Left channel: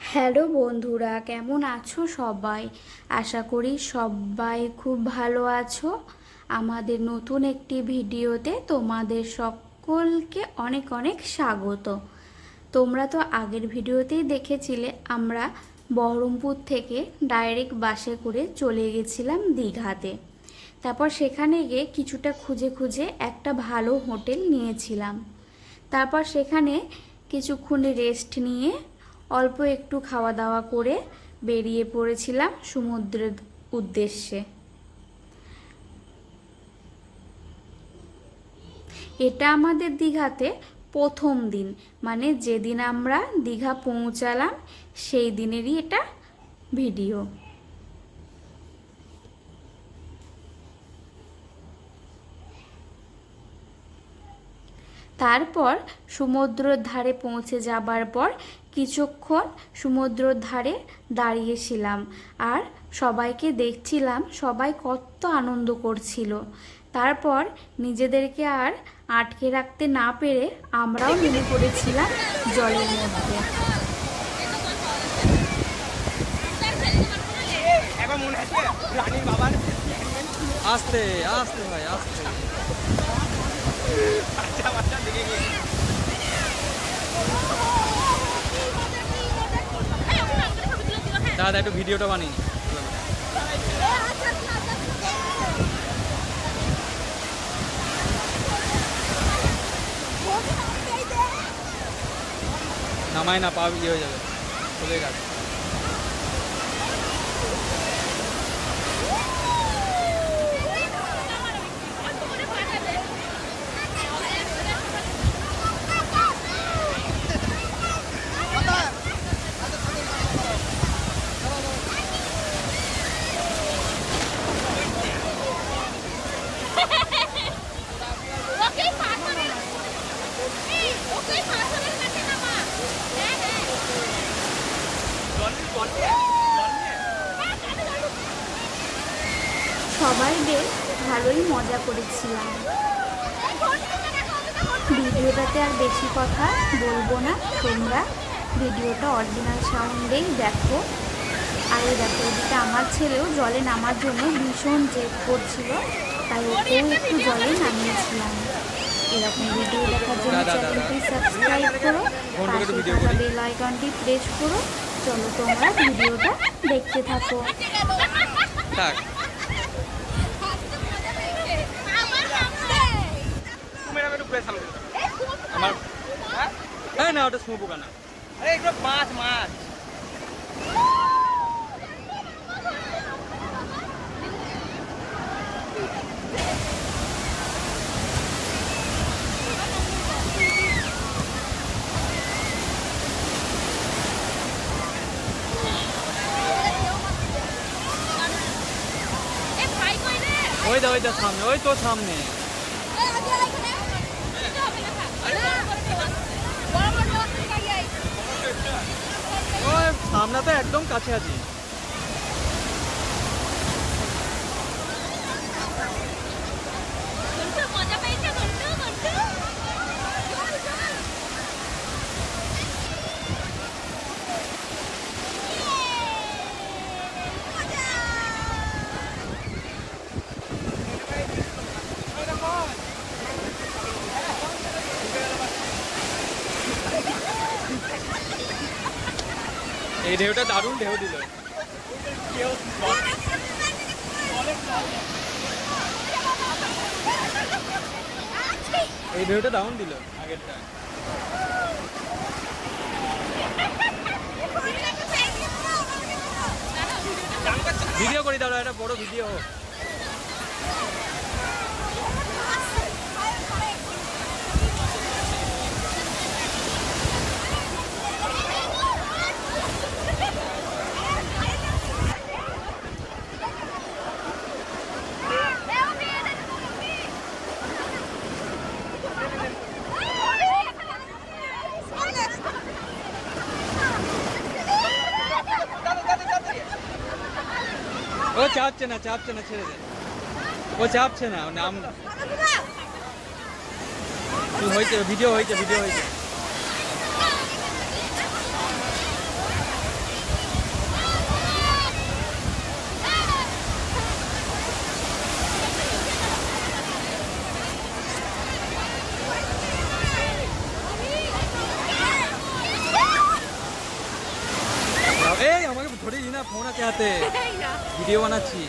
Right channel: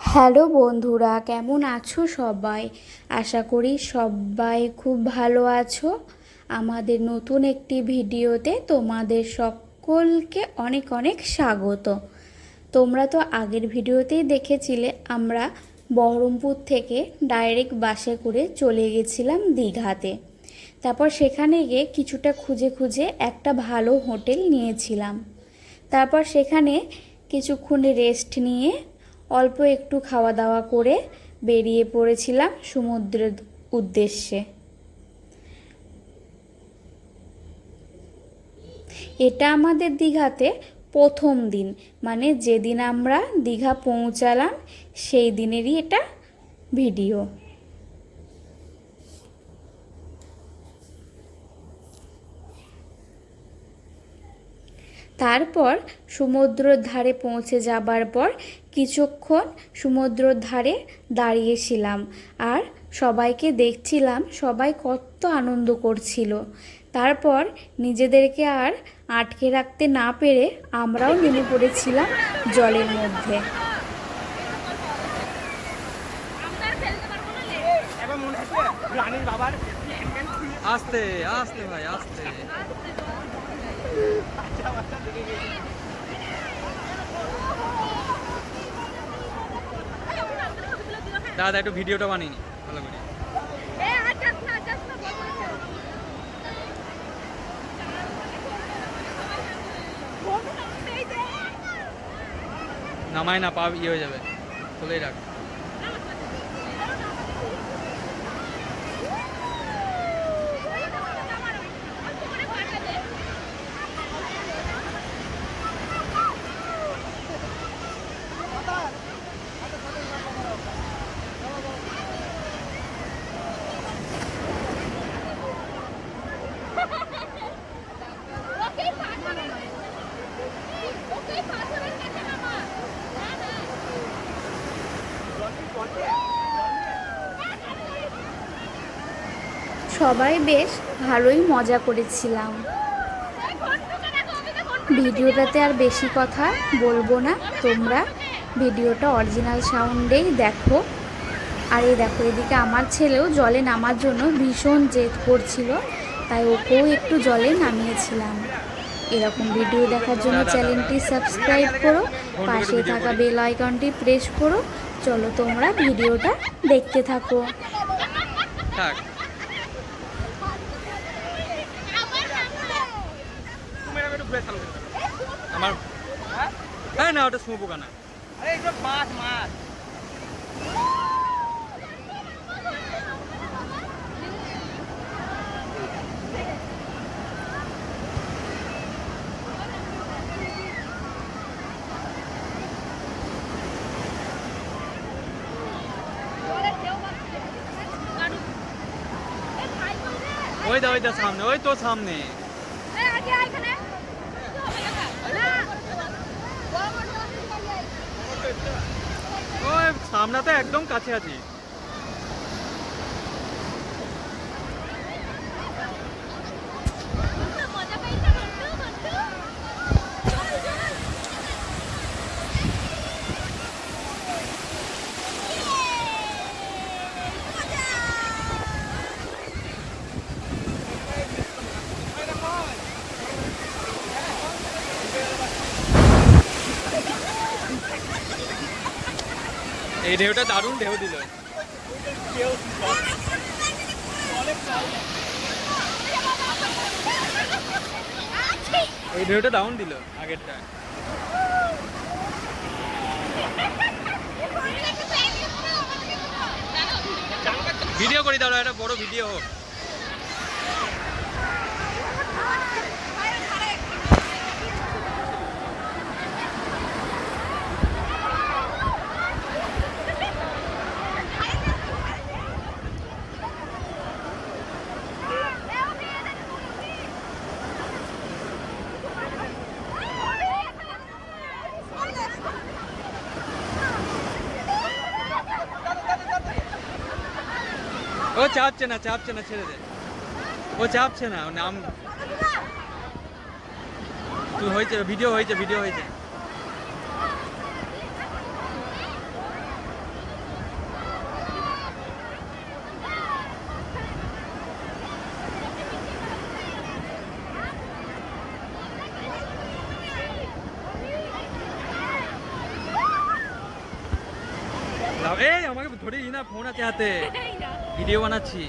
Hello বন্ধুরা, কেমন আছো সবাই? আশা করি সবাই খুব ভালো আছো। আমাদের নতুন একটি ভিডিওতে তোমাদের সকলকে অনেক অনেক স্বাগত। তোমরা তো আগের ভিডিওতেই দেখেছিলে আমরা বহরমপুর থেকে ডাইরেক্ট বাসে করে চলে গেছিলাম দীঘাতে। তারপর সেখানে গিয়ে কিছুটা খুঁজে খুঁজে একটা ভালো হোটেল নিয়েছিলাম। তারপর সেখানে কিছুক্ষণ রেস্ট নিয়ে অল্প একটু খাওয়া দাওয়া করে বেরিয়ে পড়েছিলাম সমুদ্রের উদ্দেশ্যে। এটা আমাদের দীঘাতে প্রথম দিন, মানে যেদিন আমরা দীঘা পৌঁছালাম সেই দিনেরই এটা ভিডিও। তারপর সমুদ্রের ধারে পৌঁছে যাবার পর কিছুক্ষণ সমুদ্রের ধারে দাঁড়িয়েছিলাম আর সবাইকে দেখছিলাম সবাই কত আনন্দ করছিল। তারপর নিজেদেরকে আর আটকে রাখতে না পেরে আমরাও নেমে পড়েছিলাম জলের মধ্যে। আস্তে আস্তে ভাই আস্তে। দাদা একটু ভিডিওটা বানিয়ে ভালো করে। নামায় না, পা ইয়ে হয়ে যাবে, খুলেই রাখ। সবাই বেশ ভালোই মজা করেছিলাম। ভিডিওটাতে আর বেশি কথা বলবো না, তোমরা ভিডিওটা অরিজিনাল সাউন্ডেই দেখো। আর এই দেখো, এদিকে আমার ছেলেও জলে নামার জন্য ভীষণ জেদ করছিল, তাই ওকেও একটু জলে নামিয়েছিলাম। এরকম ভিডিও দেখার জন্য চ্যানেলটি সাবস্ক্রাইব করো, পাশে থাকা বেল আইকনটি প্রেস করো। চলো তোমরা ভিডিওটা দেখতে থাকো। আমার না ওটা স্মো পোকা না, মাছ মাছ। ওই দা সামনে, ওই তো সামনে। ওই সামনে তো একদম কাছে আছি। এই ঢেউটা দারুণ ঢেউ দিল। এই ঢেউটা দারুণ দিল আগেরটা। ভিডিও করি দাও, একটা বড় ভিডিও হোক। ও চাপছে না ছেড়ে দে, ও চাপছে না, নাম হয়েছে, ভিডিও হয়েছে। এই আমাকে ধরে না ফোন আছে হাতে ভিডিও বানাচ্ছি